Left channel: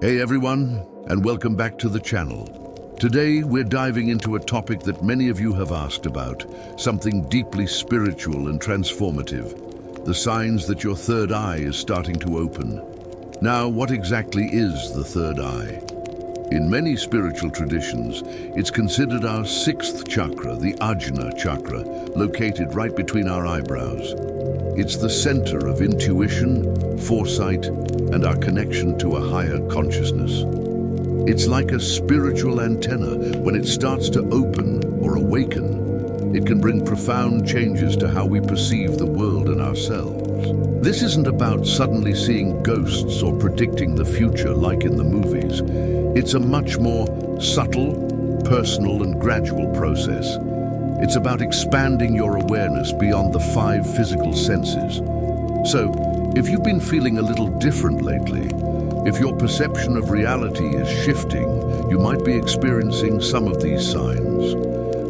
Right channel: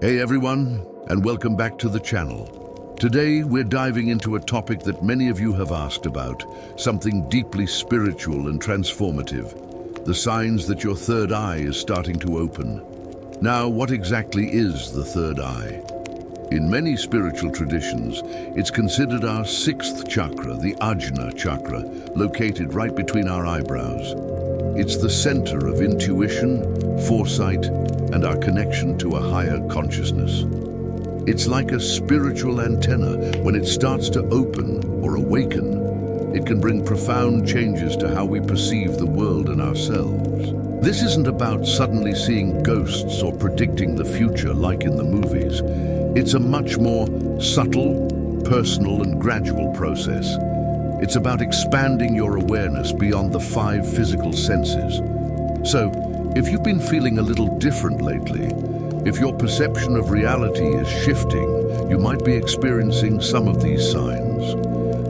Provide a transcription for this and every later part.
Hey everyone, and welcome back to the channel. Today we're diving into a topic that many of you have asked about, something deeply spiritual and transformative, the signs that your third eye is starting to open. Now, what exactly is the third eye? In many spiritual traditions, it's considered our sixth chakra, the Ajna chakra, located right between our eyebrows. It's the center of intuition, foresight, and our connection to a higher consciousness. It's like a spiritual antenna. When it starts to open or awaken, it can bring profound changes to how we perceive the world and ourselves. This isn't about suddenly seeing ghosts or predicting the future like in the movies. It's a much more subtle, personal, and gradual process. It's about expanding your awareness beyond the 5 physical senses. So, if you've been feeling a little different lately, if your perception of reality is shifting, you might be experiencing some of these signs.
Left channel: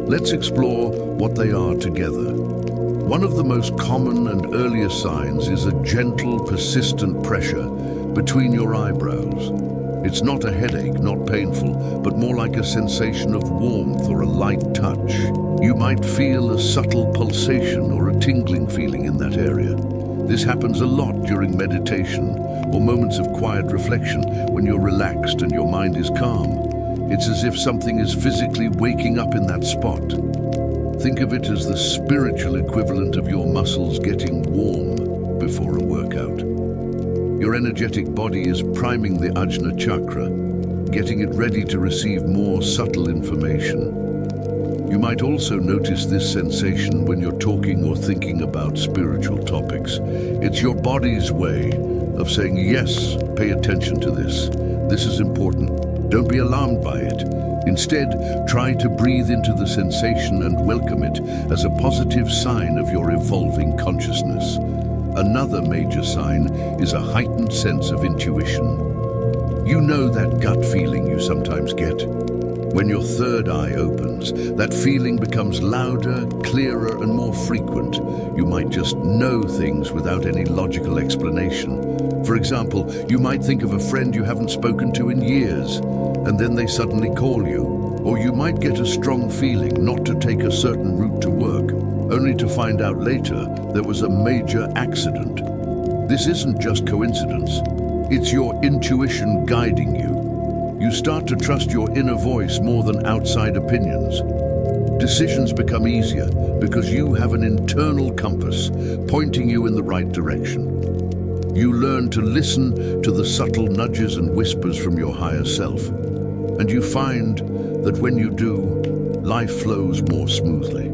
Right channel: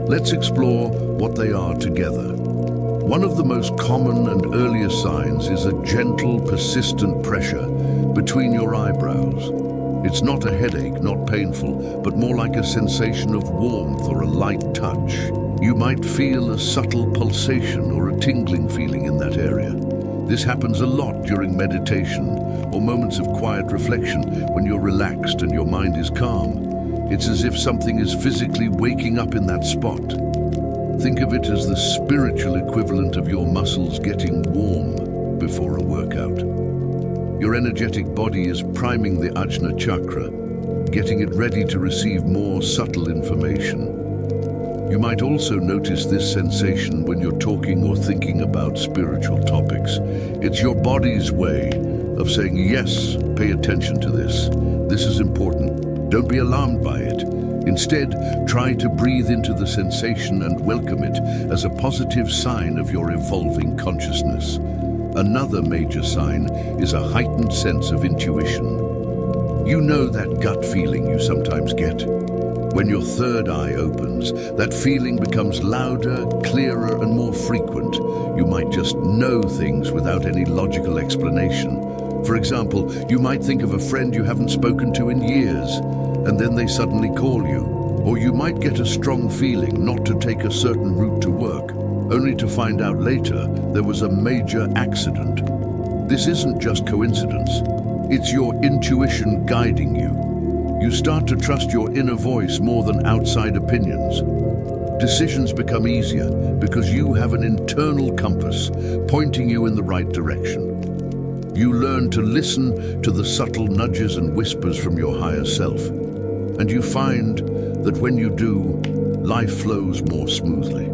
Let's explore what they are together. One of the most common and earliest signs is a gentle, persistent pressure between your eyebrows. It's not a headache, not painful, but more like a sensation of warmth or a light touch. You might feel a subtle pulsation or a tingling feeling in that area. This happens a lot during meditation or moments of quiet reflection when you're relaxed and your mind is calm. It's as if something is physically waking up in that spot. Think of it as the spiritual equivalent of your muscles getting warm before a workout. Your energetic body is priming the Ajna chakra, getting it ready to receive more subtle information. You might also notice this sensation when you're talking or thinking about spiritual topics. It's your body's way of saying, yes, pay attention to this. This is important. Don't be alarmed by it. Instead, try to breathe into the sensation and welcome it as a positive sign of your evolving consciousness. Another major sign is a heightened sense of intuition. You know that gut feeling you sometimes get? When your third eye opens, that feeling becomes louder, clearer, and more frequent. You might just know things without any logical explanation. For example, you might think of a friend you haven't spoken to in years, and then they suddenly call you. Or you might get a strong feeling not to take a certain route to work, only to find out later there was a major accident. This isn't just coincidence. It's your intuition guiding you. You start to trust your inner voice more than outside opinions. Decisions become easier because you have an internal compass pointing you in the right direction. You learn to listen to the subtle nudges and whispers from your higher self. And you find that when you do, life flows more smoothly.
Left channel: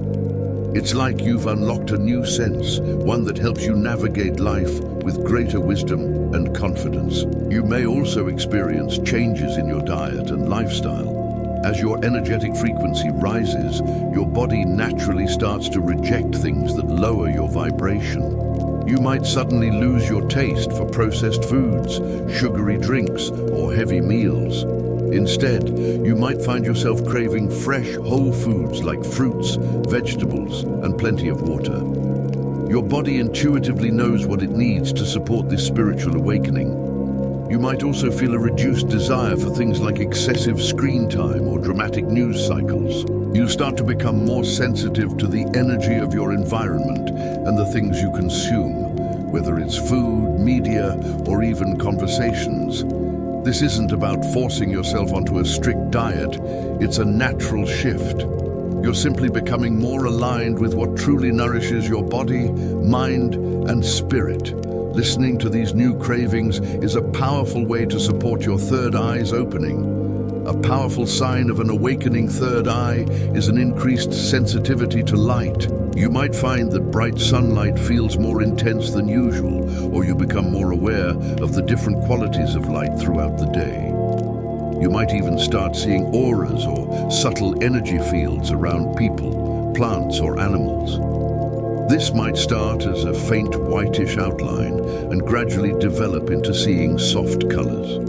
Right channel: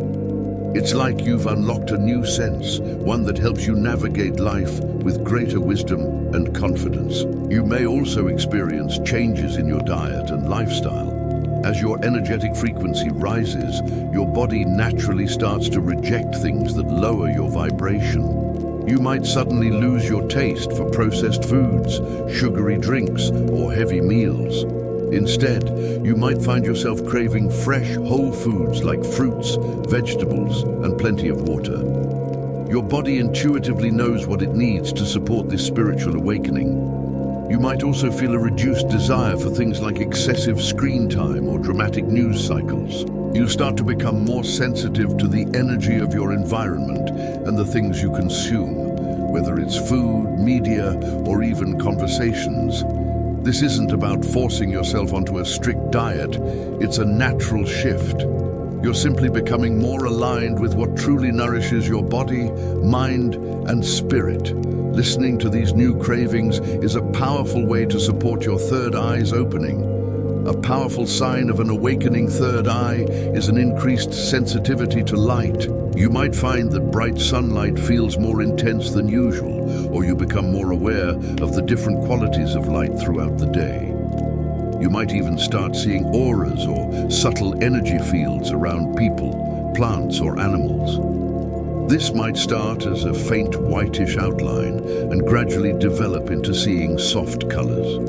It's like you've unlocked a new sense, one that helps you navigate life with greater wisdom and confidence. You may also experience changes in your diet and lifestyle. As your energetic frequency rises, your body naturally starts to reject things that lower your vibration. You might suddenly lose your taste for processed foods, sugary drinks, or heavy meals. Instead, you might find yourself craving fresh, whole foods like fruits, vegetables, and plenty of water. Your body intuitively knows what it needs to support this spiritual awakening. You might also feel a reduced desire for things like excessive screen time or dramatic news cycles. You start to become more sensitive to the energy of your environment and the things you consume, whether it's food, media, or even conversations. This isn't about forcing yourself onto a strict diet, it's a natural shift. You're simply becoming more aligned with what truly nourishes your body, mind, and spirit. Listening to these new cravings is a powerful way to support your third eye's opening. A powerful sign of an awakening third eye is an increased sensitivity to light. You might find that bright sunlight feels more intense than usual, or you become more aware of the different qualities of light throughout the day. You might even start seeing auras or subtle energy fields around people, plants, or animals. This might start as a faint whitish outline and gradually develop into seeing soft colors.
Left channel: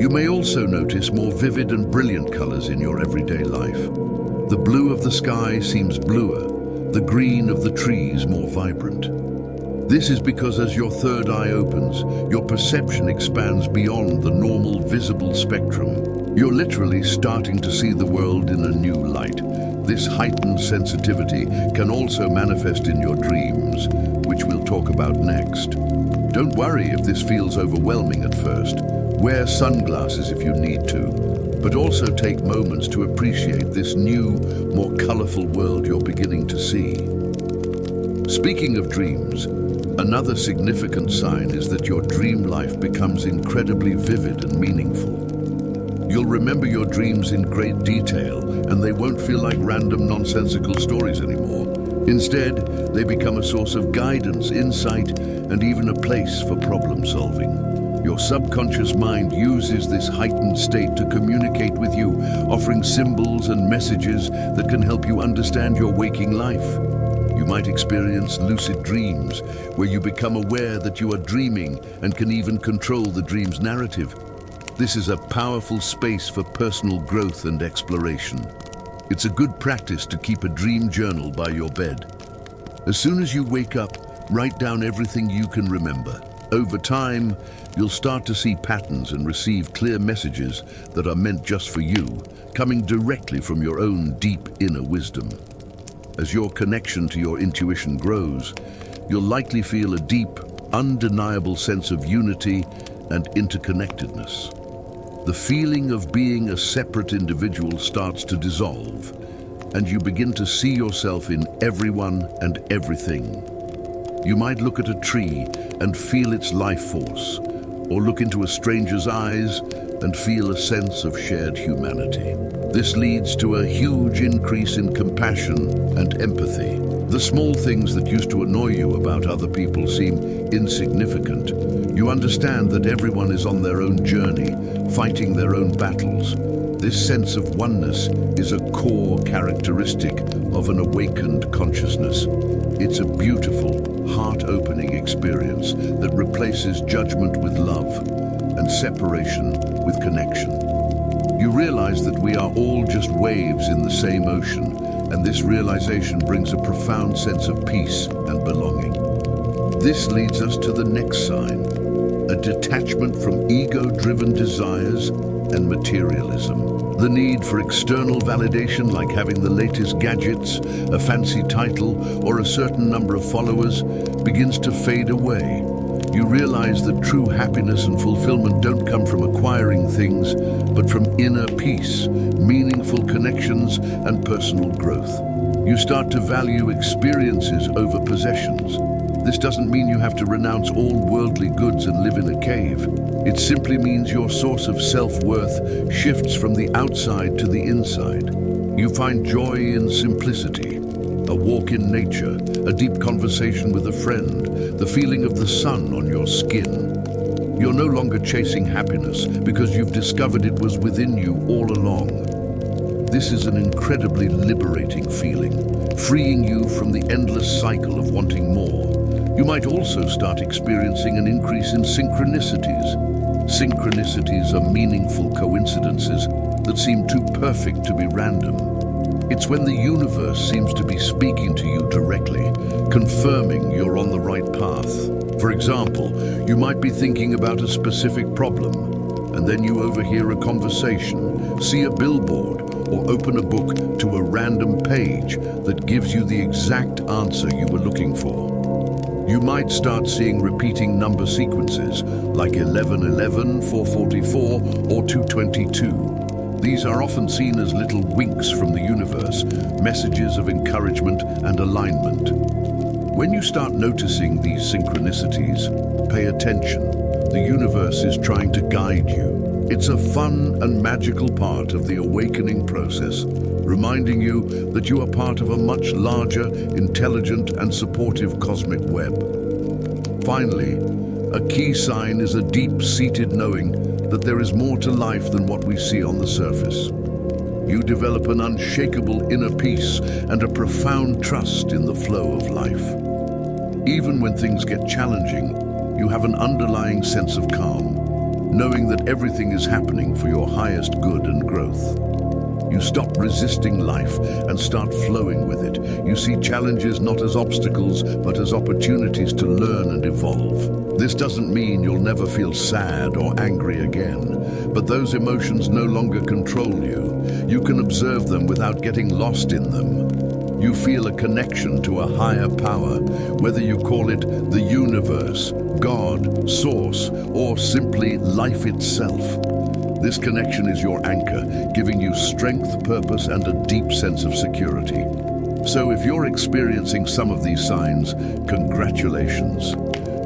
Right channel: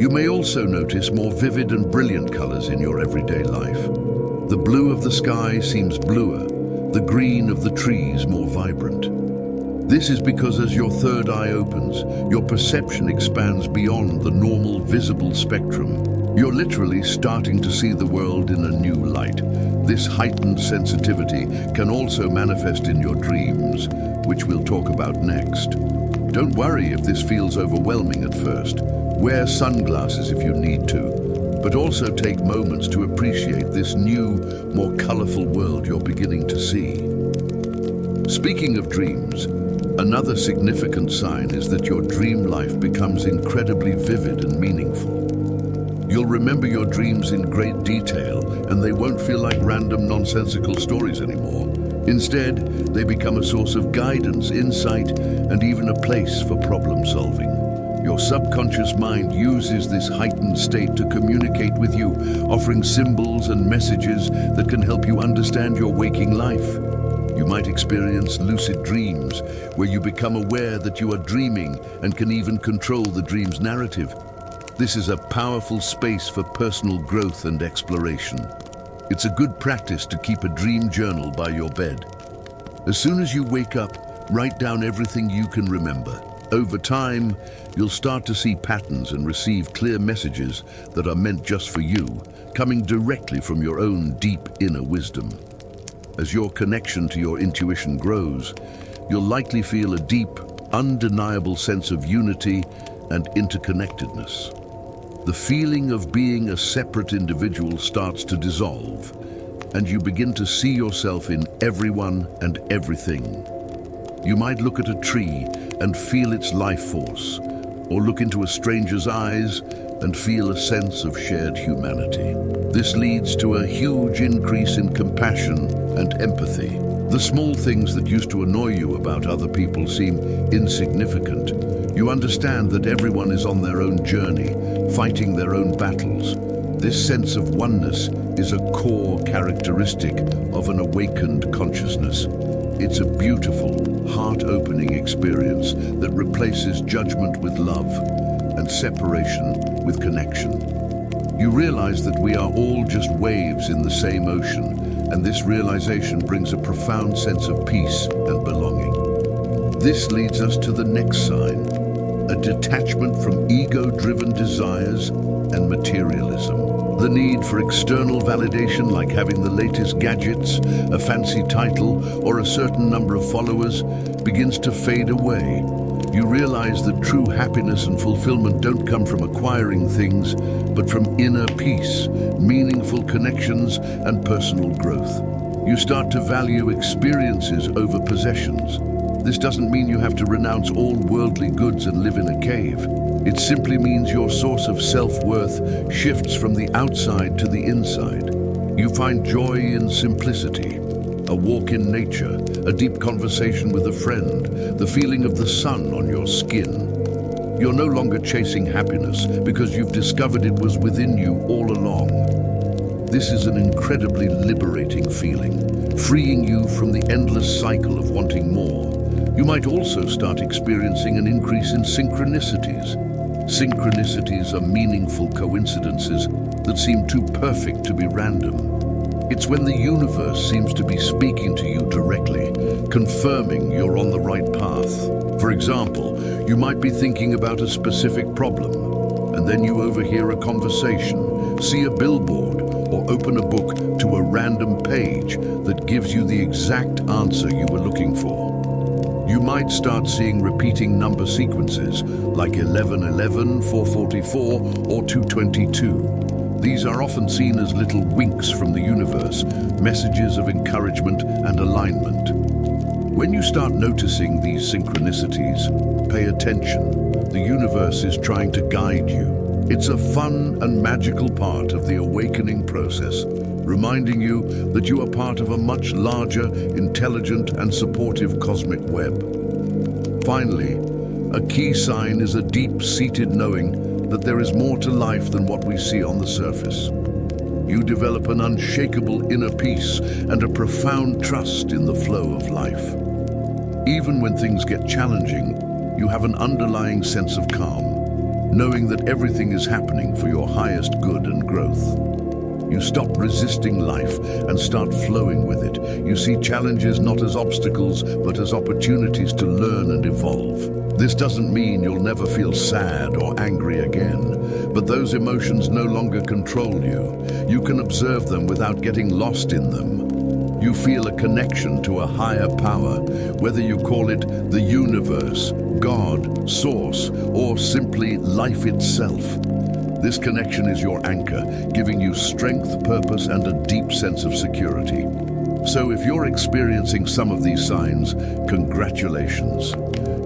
You may also notice more vivid and brilliant colors in your everyday life. The blue of the sky seems bluer, the green of the trees more vibrant. This is because as your third eye opens, your perception expands beyond the normal visible spectrum. You're literally starting to see the world in a new light. This heightened sensitivity can also manifest in your dreams, which we'll talk about next. Don't worry if this feels overwhelming at first. Wear sunglasses if you need to, but also take moments to appreciate this new, more colorful world you're beginning to see. Speaking of dreams, another significant sign is that your dream life becomes incredibly vivid and meaningful. You'll remember your dreams in great detail, and they won't feel like random nonsensical stories anymore. Instead, they become a source of guidance, insight, and even a place for problem solving. Your subconscious mind uses this heightened state to communicate with you, offering symbols and messages that can help you understand your waking life. You might experience lucid dreams, where you become aware that you are dreaming and can even control the dream's narrative. This is a powerful space for personal growth and exploration. It's a good practice to keep a dream journal by your bed. As soon as you wake up, write down everything you can remember. Over time, you'll start to see patterns and receive clear messages that are meant just for you, coming directly from your own deep inner wisdom. As your connection to your intuition grows, you'll likely feel a deep, undeniable sense of unity and interconnectedness. The feeling of being a separate individual starts to dissolve, and you begin to see yourself in everyone and everything. You might look at a tree and feel its life force, or look into a stranger's eyes and feel a sense of shared humanity. This leads to a huge increase in compassion and empathy. The small things that used to annoy you about other people seem insignificant. You understand that everyone is on their own journey, fighting their own battles. This sense of oneness is a core characteristic of an awakened consciousness. It's a beautiful, heart-opening experience that replaces judgment with love and separation with connection. You realize that we are all just waves in the same ocean, and this realization brings a profound sense of peace and belonging. This leads us to the next sign, a detachment from ego-driven desires and materialism. The need for external validation, like having the latest gadgets, a fancy title, or a certain number of followers, begins to fade away. You realize that true happiness and fulfillment don't come from acquiring things, but from inner peace, meaningful connections, and personal growth. You start to value experiences over possessions. This doesn't mean you have to renounce all worldly goods and live in a cave. It simply means your source of self-worth shifts from the outside to the inside. You find joy in simplicity, a walk in nature, a deep conversation with a friend, the feeling of the sun on your skin. You're no longer chasing happiness because you've discovered it was within you all along. This is an incredibly liberating feeling, freeing you from the endless cycle of wanting more. You might also start experiencing an increase in synchronicities. Synchronicities are meaningful coincidences that seem too perfect to be random. It's when the universe seems to be speaking to you directly, confirming you're on the right path. For example, you might be thinking about a specific problem, and then you overhear a conversation, see a billboard, or open a book to a random page that gives you the exact answer you were looking for. You might start seeing repeating number sequences like 1111, 444, or 222. These are often seen as little winks from the universe, messages of encouragement and alignment. When you start noticing these synchronicities, pay attention. The universe is trying to guide you. It's a fun and magical part of the awakening process, reminding you that you are part of a much larger, intelligent, and supportive cosmic web. Finally, a key sign is a deep-seated knowing that there is more to life than what we see on the surface. You develop an unshakable inner peace and a profound trust in the flow of life. Even when things get challenging, you have an underlying sense of calm, knowing that everything is happening for your highest good and growth. You stop resisting life and start flowing with it. You see challenges not as obstacles, but as opportunities to learn and evolve. This doesn't mean you'll never feel sad or angry again, but those emotions no longer control you. You can observe them without getting lost in them. You feel a connection to a higher power, whether you call it the universe, God, source, or simply life itself. This connection is your anchor, giving you strength, purpose, and a deep sense of security. So if you're experiencing some of these signs, congratulations.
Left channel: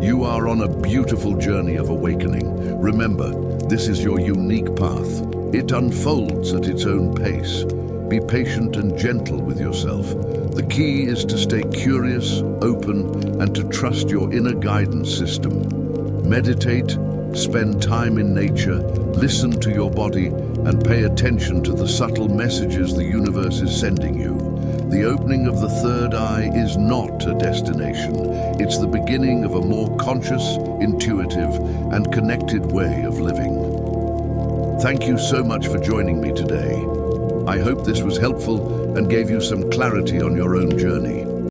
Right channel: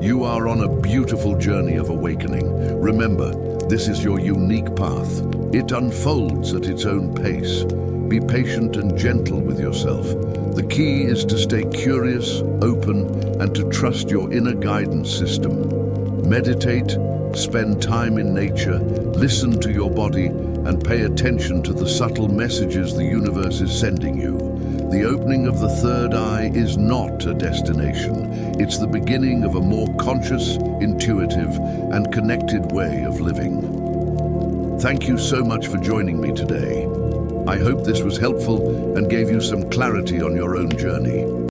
You are on a beautiful journey of awakening. Remember, this is your unique path. It unfolds at its own pace. Be patient and gentle with yourself. The key is to stay curious, open, and to trust your inner guidance system. Meditate, spend time in nature, listen to your body, and pay attention to the subtle messages the universe is sending you. The opening of the third eye is not a destination. It's the beginning of a more conscious, intuitive, and connected way of living. Thank you so much for joining me today. I hope this was helpful and gave you some clarity on your own journey.